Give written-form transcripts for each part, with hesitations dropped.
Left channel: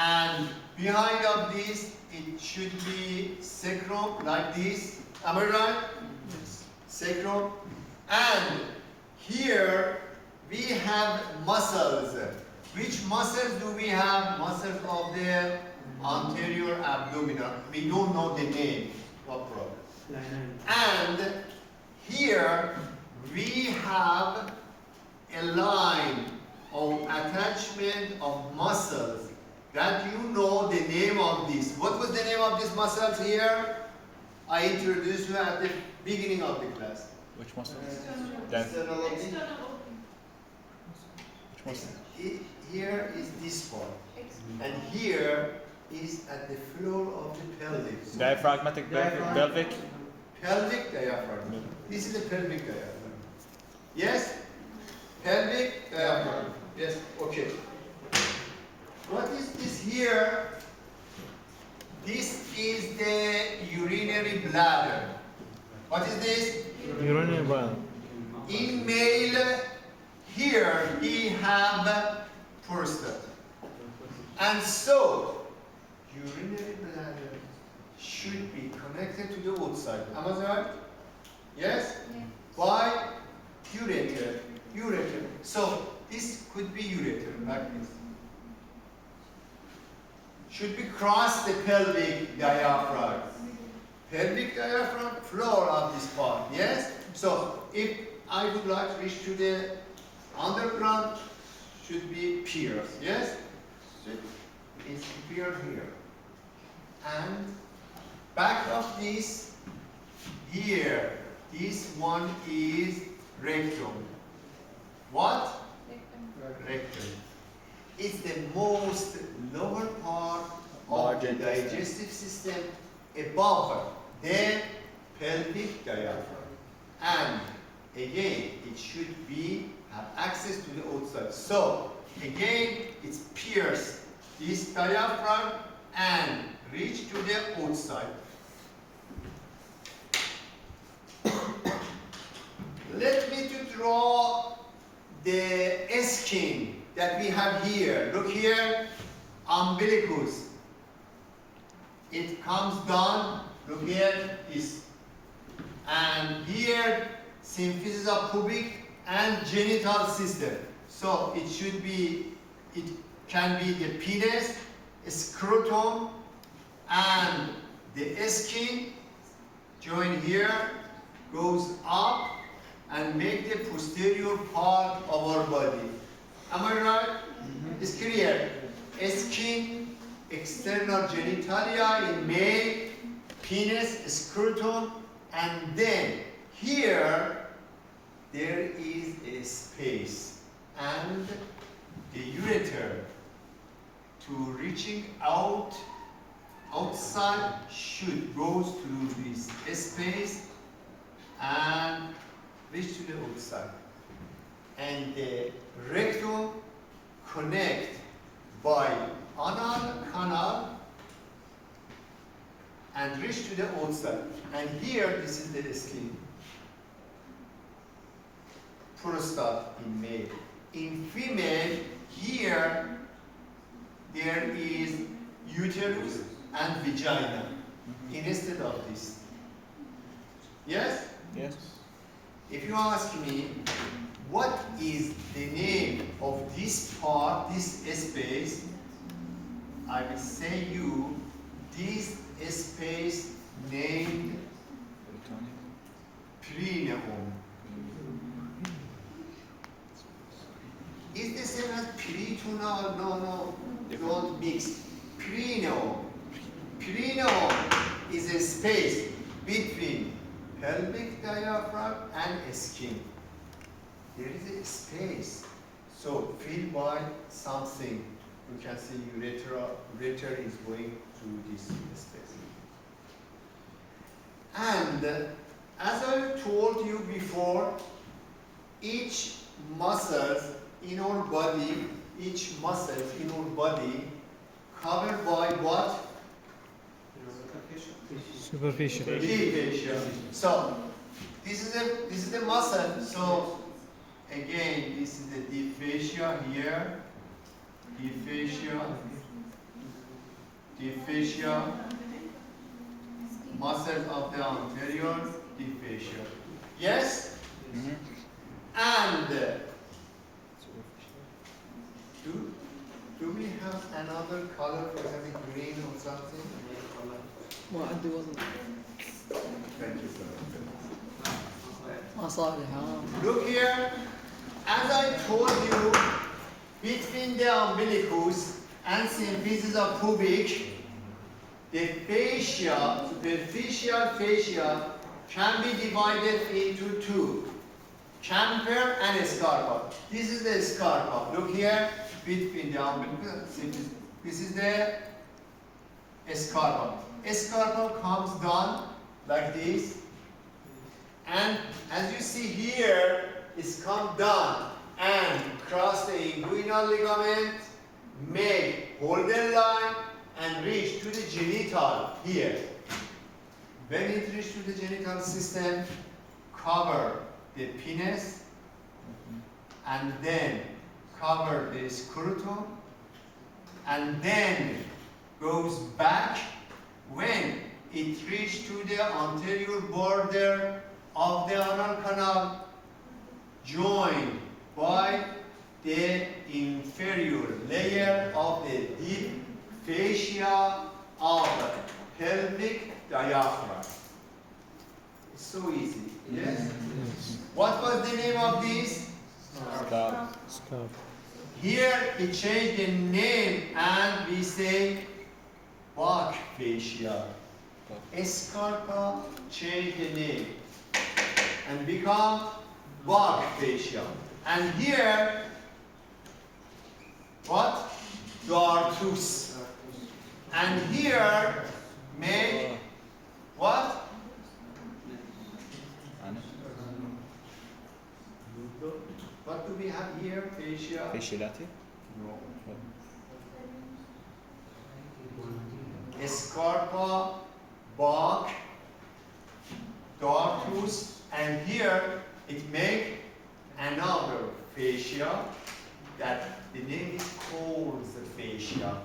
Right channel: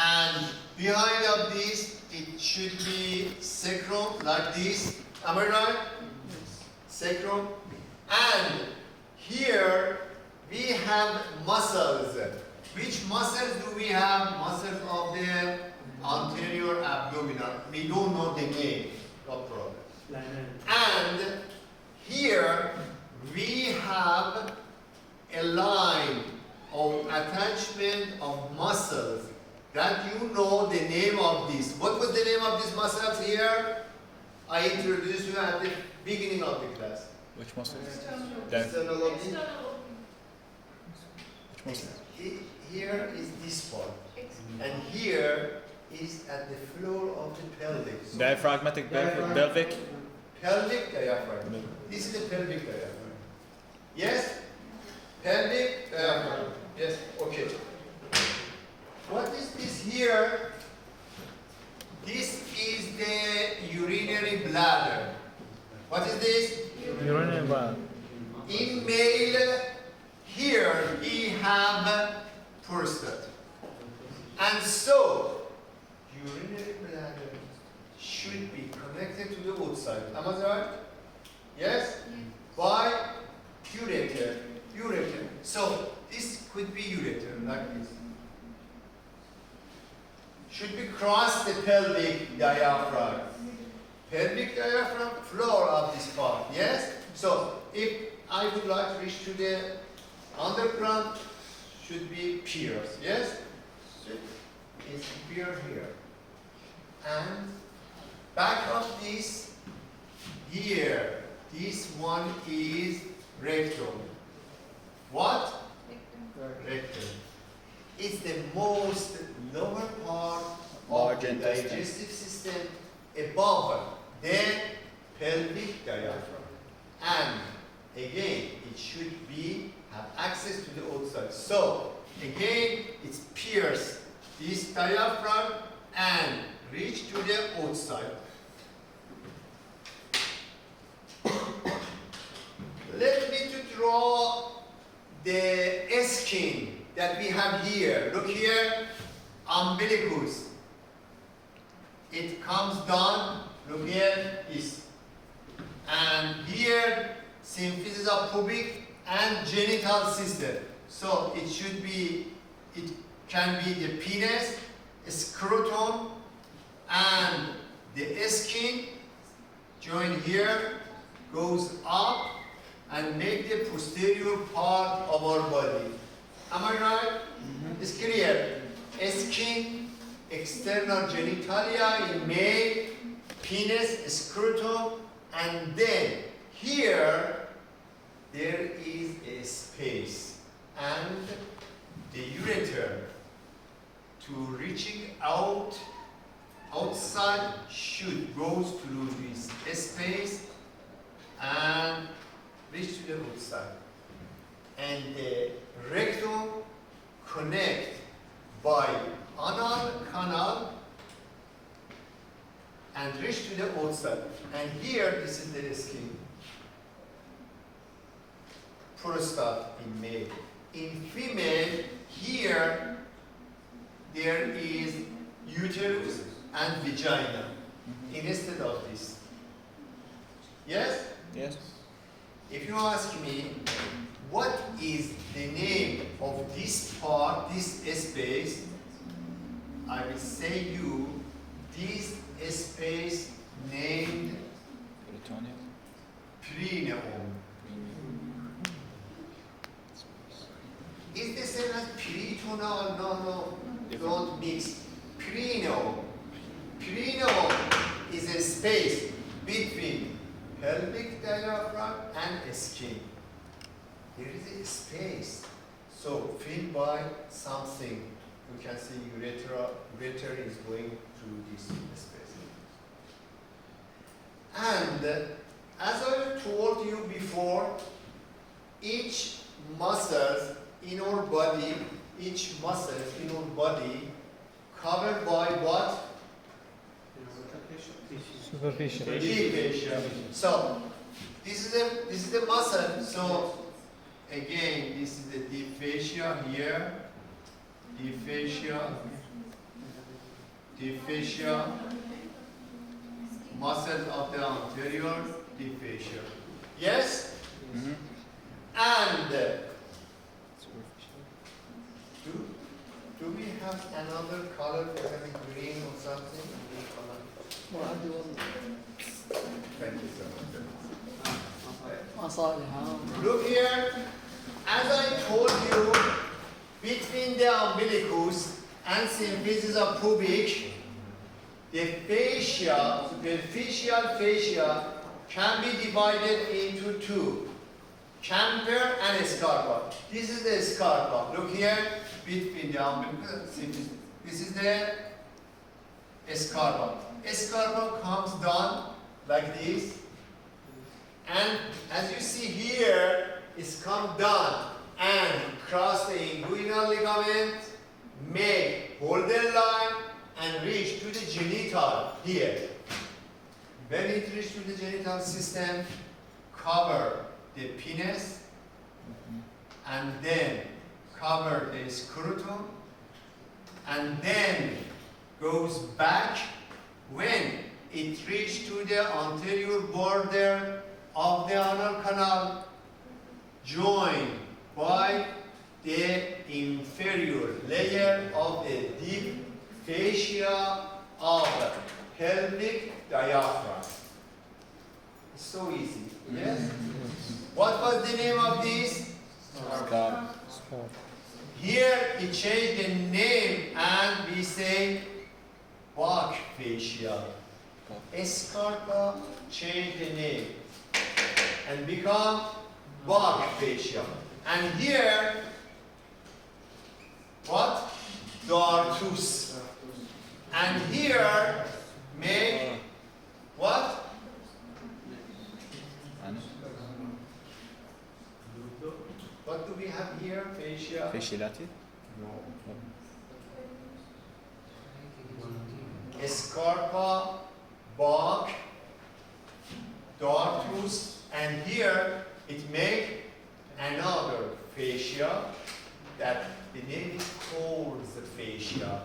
And behind of this, it should be sacrum, like this. Am I right? Yes. Sacrum. And here we have muscles. Which muscles do we have? Muscles of the anterior abdominal. We don't know the name. No problem. And here we have a line of attachment of muscles that you know the name of this. What was the name of these muscles here? I introduced you at the beginning of the class. Which muscle? External. External oblique. External. Which muscle? Here is this part, and here is at the floor of the pelvic. Diaphragmatic pelvic. Pelvic diaphragm. Yeah. This is the pelvic diaphragm. Yes? Pelvic diaphragm. Yes, okay. What is this here? This is the urinary bladder. What is this? Urinary bladder. In male, here we have prostate. And so, urinary bladder should be connected to the outside. Am I right? Yes? By ureter. Ureter. So, this could be ureter, like this. Should be cross the pelvic diaphragm. Pelvic diaphragm, floor of this part. Yes? So, if I would like to reach to the underground, should be pierce. Yes? It's pierce here. And back of this, here, this one is rectum. What? Rectum. It's the most lower part of the digestive system above the pelvic diaphragm. And again, it should be have access to the outside. So again, it's pierce this diaphragm and reach to the outside. Let me to draw the skin that we have here. Look here, umbilicus. It comes down, look here, this. And here, symphysis of pubic and genital system. So it should be, it can be the penis, scrotum, and the skin join here, goes up and make the posterior part of our body. Am I right? It's clear. Skin, external genitalia in male, penis, scrotum, and then here there is a space and the ureter to reaching out outside should go through this space and reach to the outside. And the rectum connect by anal canal and reach to the outside. And here, this is the skin. Prostate in male. In female, here there is uterus and vagina instead of this. Yes? Yes. If you ask me, what is the name of this part, this space, I will say you, this space named perineum. Is the same as peritoneal? No, don't mix. Perineum. Perineum is a space between pelvic diaphragm and skin. There is a space, so filled by something. We can see ureter is going through this space. And as I told you before, each muscle in our body, covered by what? Superficial. Deep fascia. So this is the muscle. So again, this is the deep fascia here, deep fascia, deep fascia, muscles of the anterior deep fascia. Yes? Mhm. And do we have another color, for example, green or something? Any color? Thank you so much. Look here, as I told you, between the umbilicus and symphysis of pubic, the fascia, superficial fascia, can be divided into two, camper and scarpa. This is the scarpa. Look here, between the umbilicus, this is the scarpa. Scarpa comes down like this, and as you see here, it's come down and cross the inguinal ligament, make Holden line, and reach to the genital here. When it reaches to the genital system, cover the penis, and then cover the scrotum, and then goes back when it reaches to the anterior border of the anal canal, joined by the inferior layer of the deep fascia of pelvic diaphragm. It's so easy, yes? What was the name of this? Scar. Here we change the name and we say Bach fascia. Scarpa change the name and become Bach fascia. And here, what? Dartus. And here, make what? What do we have here? Fascia? Fasciolati? No. Scarpa, Bach, Dartus, and here it make another fascia that the name is Coles fascia.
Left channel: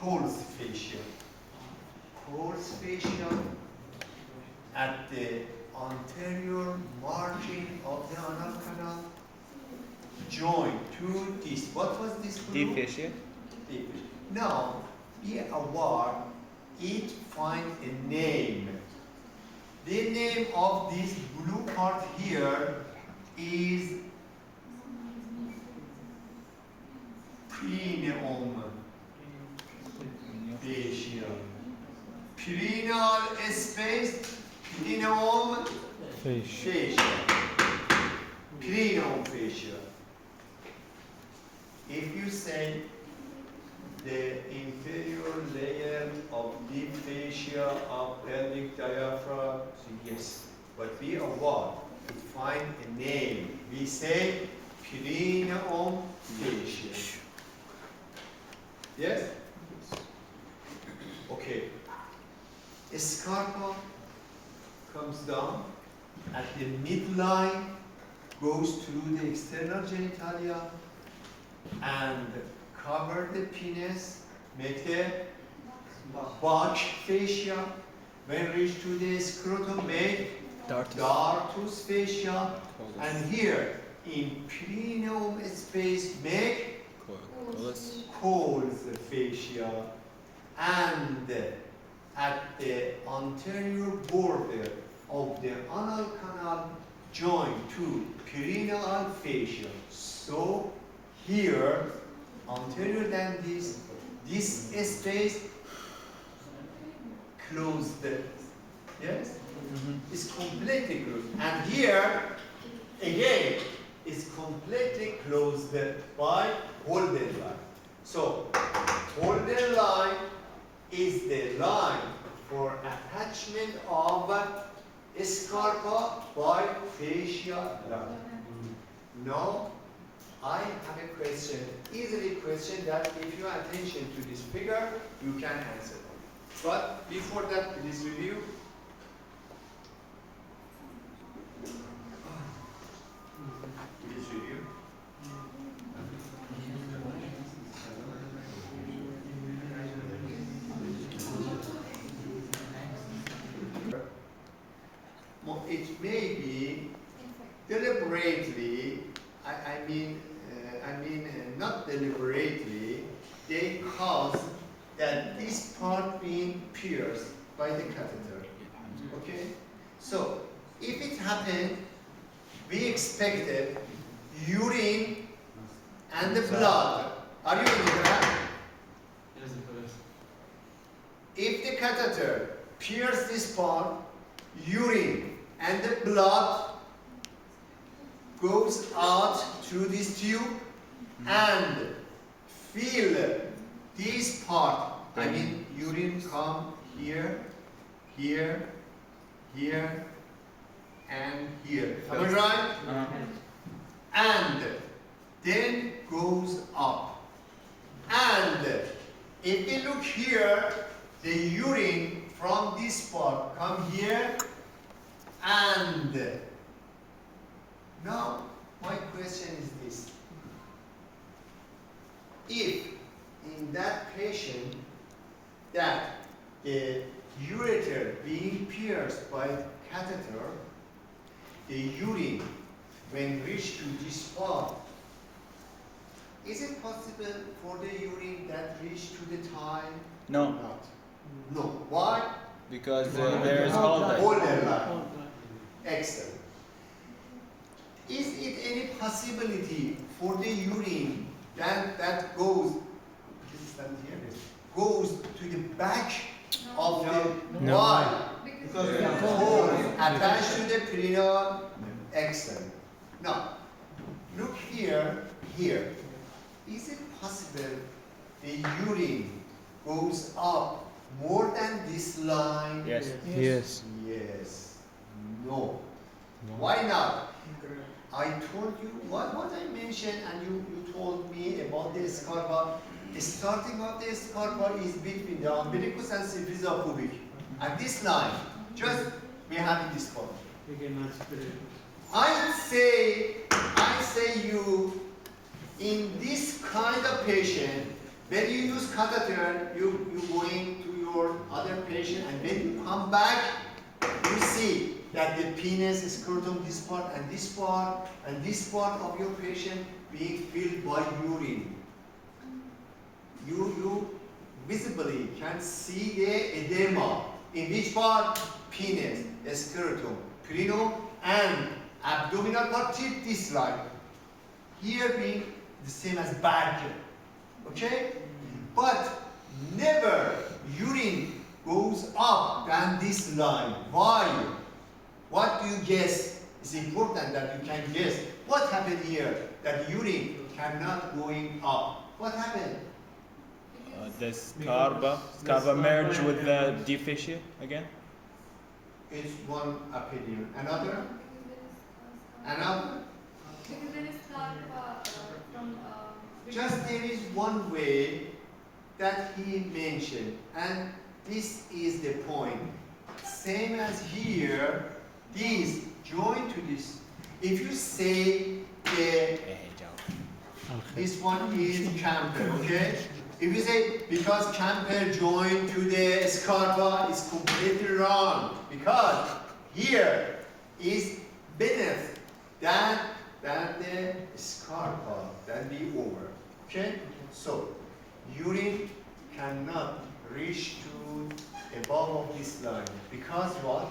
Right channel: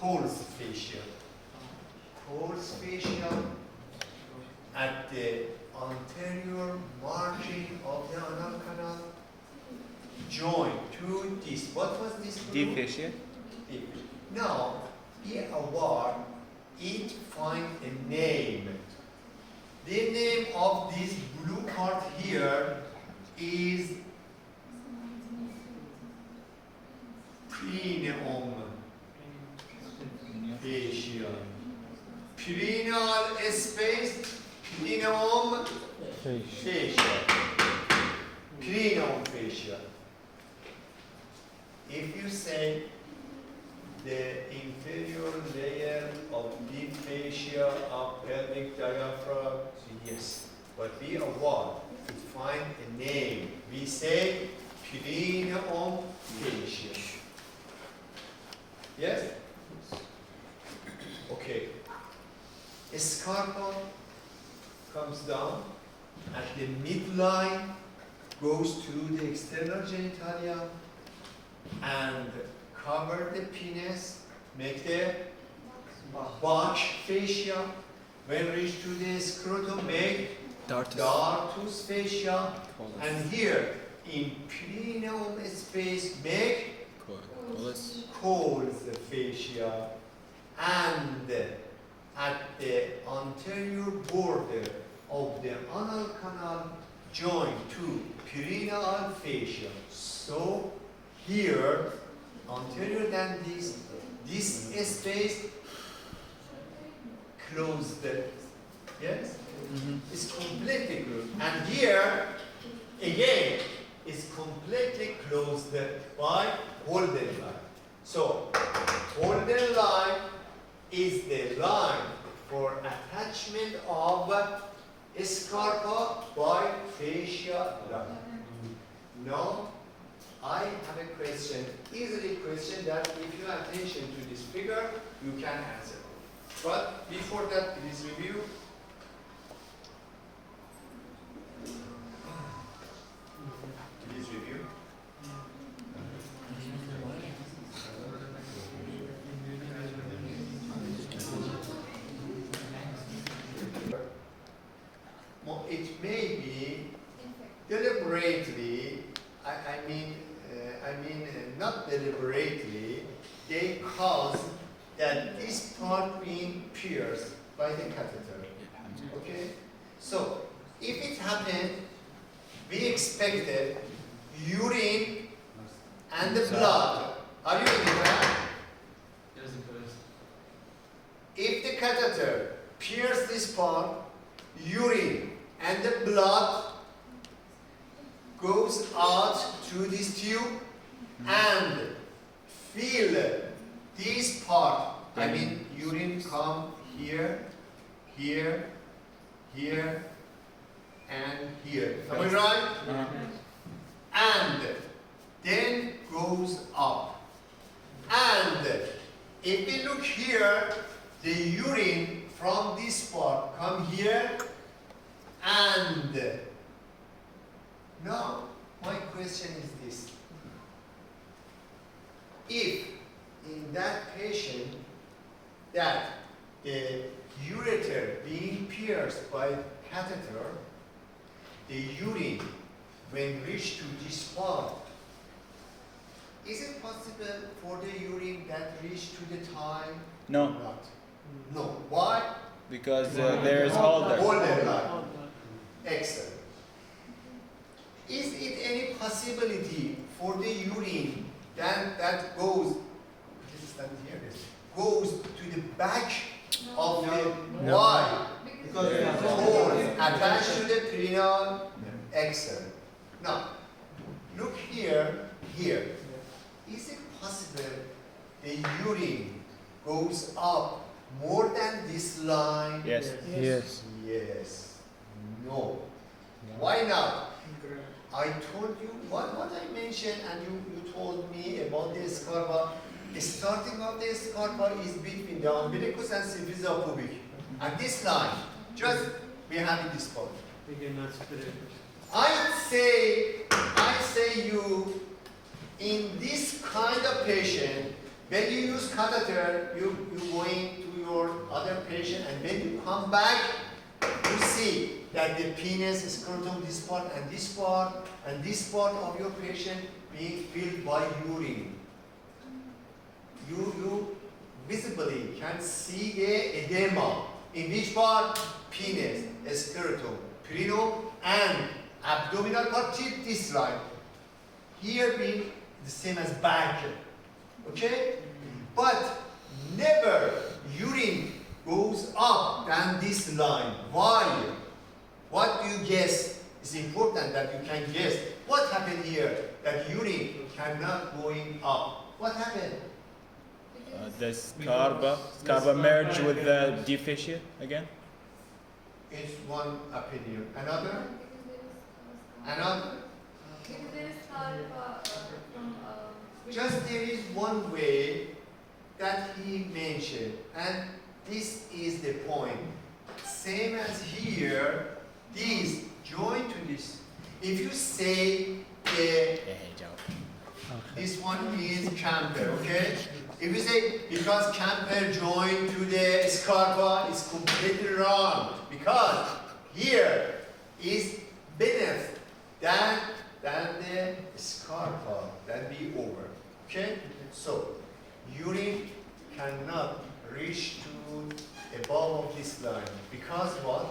Coles fascia. Coles fascia at the anterior margin of the anal canal, joined to this. What was this blue? Deep fascia? Deep. Now, be aware, it find a name. The name of this blue part here is perineum fascia. Perineal space, perineum fascia. Perineum fascia. If you say the inferior layer of deep fascia of pelvic diaphragm, yes, but be aware, to find a name, we say perineum fascia. Yes? Okay. Scarpa comes down at the midline, goes through the external genitalia, and cover the penis, make the Bach fascia. When reach to the scrotum, make Dartus fascia. And here, in perineum space, make Coles fascia. And at the anterior border of the anal canal, joined to perineal fascia. So here, anterior than this space closed. Yes? It's completely closed. And here, again, it's completely closed by Holden line. So, Holden line is the line for attachment of scarpa by fascia line. Now, I have a question, easily question that if you pay attention to this figure, you can answer. But before that, please review. Please review. not deliberately, they cause that this part being pierced by the catheter. Okay? So, if it happened, we expected urine and the blood. Are you in the graph? If the catheter pierces this part, urine and the blood goes out through this tube and fill this part. I mean, urine come here, here, here, and here. Am I right? And then goes up. And if we look here, the urine from this part come here, and now my question is this. If in that patient that the ureter being pierced by catheter, the urine when reached to this part, is it possible for the urine that reached to the thigh? No, Not. No. Why? because there is holder. Holder line. Excellent. Is it any possibility for the urine that goes, goes to the back of the No. why? Because Hole attached to the perineal. Excellent. Now, look here, here. Is it possible the urine goes up more than this line? Yes. Yes. Yes. No. Why not? I told you what I mentioned, and you told me about the scarpa. The starting of the scarpa is between the umbilicus and symphysis pubic. And this line, just we have in this point. I say you, in this kind of patient, when you use catheter, you going to your other patient, and when you come back, you see that the penis, scrotum, this part, and this part, and this part of your patient being filled by urine. You visibly can see the edema in which part? Penis, scrotum, perineum, and abdominal part till this line. Here being the same as back. Okay? But never urine goes up than this line. Why? What do you guess? It's important that you can guess. What happened here? That urine cannot going up. What happened? The scarpa merged with the deep fascia again. It's one opinion. Another? Another? Because there is from Just there is one way that he mentioned, and this is the point. Same as here, these join to this. If you say this one is camper, okay? If you say because camper joined to the scarpa, it's completely wrong. Because here is beneath than the scarpa, than the over. Okay? So urine cannot reach to above of this line. Because what?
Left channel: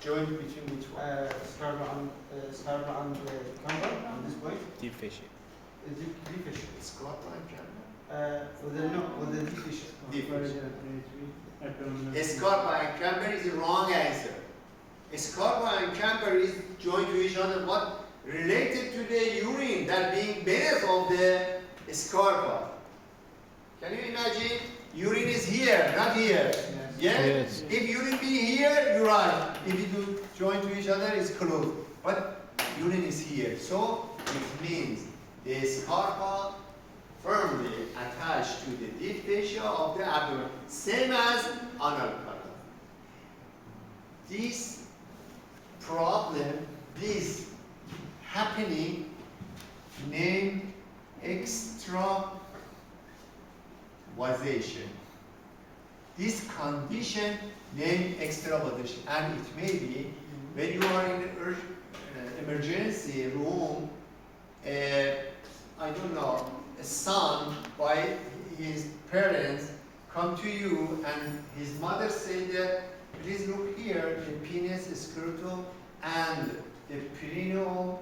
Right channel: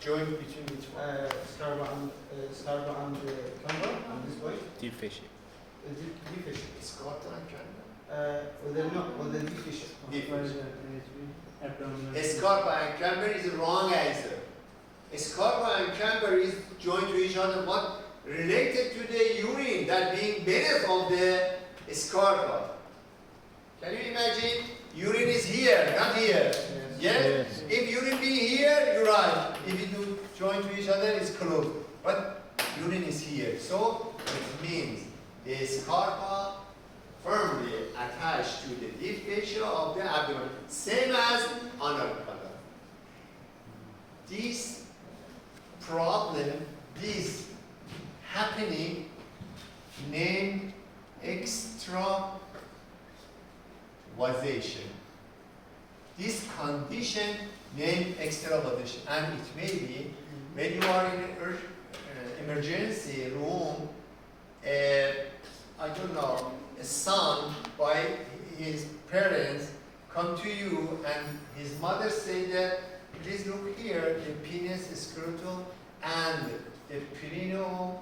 Joint between which one? Scarpa and camber on this point. Deep fascia. Is it deep fascia? Scarpa and camber. With the deep fascia. Deep Scarpa and camber is the wrong answer. Scarpa and camber is joined to each other. What? Related to the urine that being beneath of the scarpa. Can you imagine? Urine is here, not here. Yes? Yes. If urine be here, you're right. If it do join to each other, it's close. But urine is here. So it means the scarpa firmly attached to the deep fascia of the abdomen. Same as anal canal. This problem, this happening, named extravasation. This condition named extravasation, and it may be when you are in an emergency room, I don't know, son by his parents come to you and his mother say that, please look here, the penis, scrotum, and the perineum,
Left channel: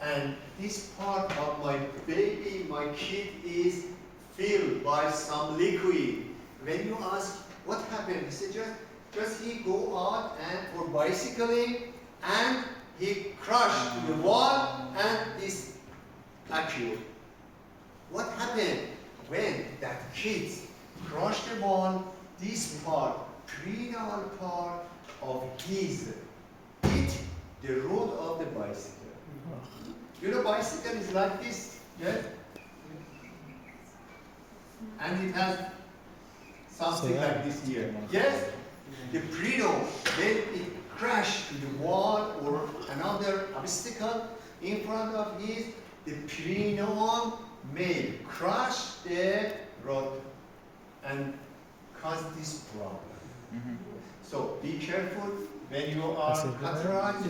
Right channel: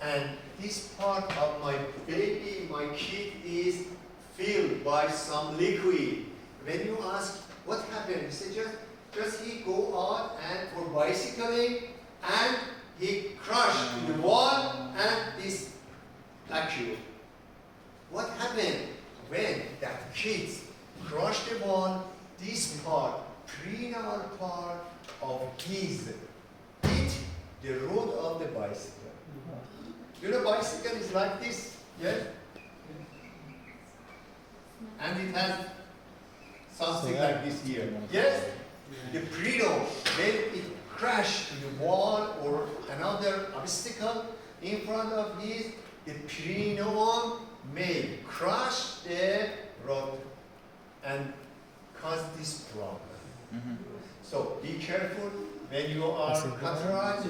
and this part of my baby, my kid, is filled by some liquid. When you ask what happened, he said just he go out and for bicycling and he crashed to the wall and this accurate. What happened when that kid crushed the wall? This part, prenatal part of his hit the road of the bicycle. You know, bicycle is like this, yes? And it has something like this here. Yes? The prenatal, when it crashed to the wall or another obstacle in front of his, the prenatal may crush the road and cause this problem. So be careful when you are catheterizing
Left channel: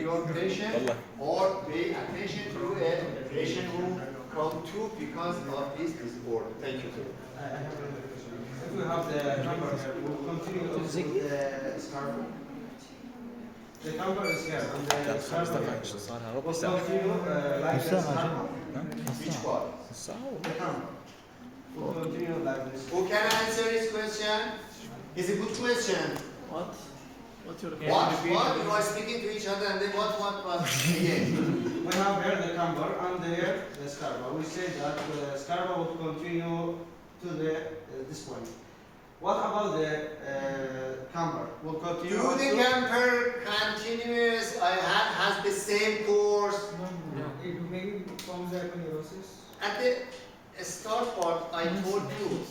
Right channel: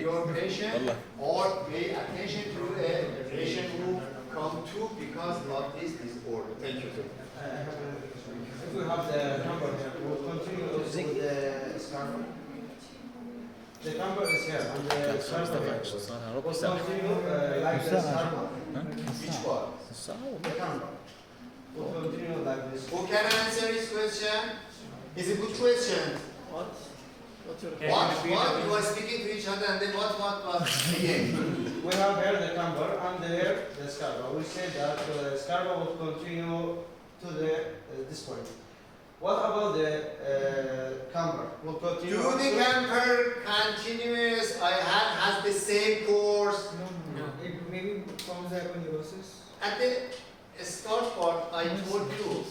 your patient, or pay attention to a patient who come to because of this disorder. Thank you. If we have the number, we'll continue with the scarf. The number is here, and the scarf will continue like the scarf. Which part? The number. We'll continue like this. Who can answer this question? It's a good question. What's your What? You are speaking to each other and then what again? We have here the camber and here the scarpa. We say that the scarpa will continue to this point. What about the camber? Will continue. Do the camper continuous has the same course? No. It maybe forms aponeurosis. At the start part, I told you,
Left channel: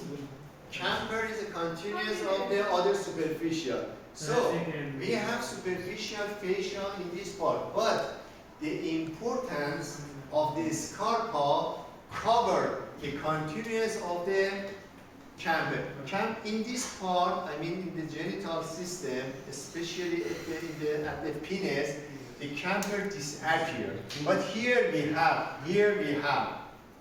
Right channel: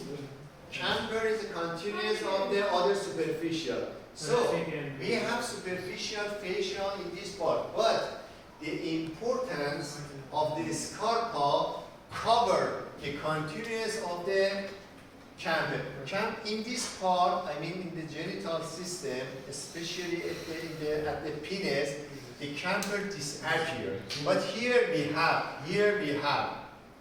camper is a continuous of the other superficial. So, we have superficial facial in this part, but the importance of the scarpa cover the continuous of the camber. In this part, I mean in the genital system, especially at the penis, the camber disappear. But here we have,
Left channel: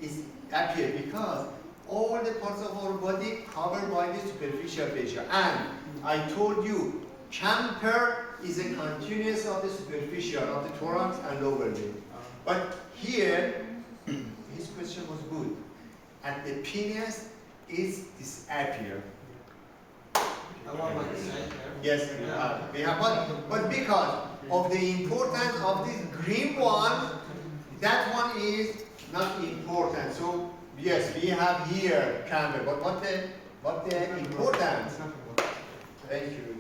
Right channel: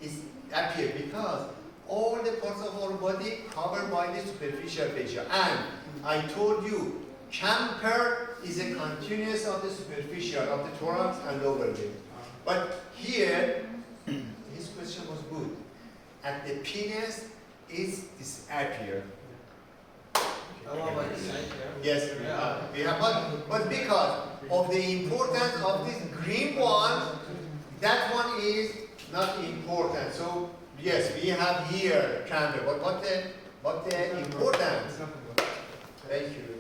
it's appear because all the parts of our body covered by the superficial fascia. And I told you, camber is a continuous of the superficial of the thorax and lower limb. But here, his question was good. At the penis, it's disappear. Along like the side here. Yes, we have, but because of the importance of this green one, that one is not important. So yes, we have here camber, but what the importance? Thank you.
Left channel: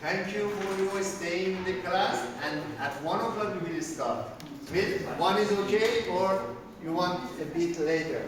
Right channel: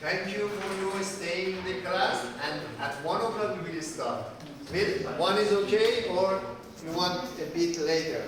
Thank you for your staying in the class, and at 1 o'clock we will start. With 1 is okay, or you want a bit later?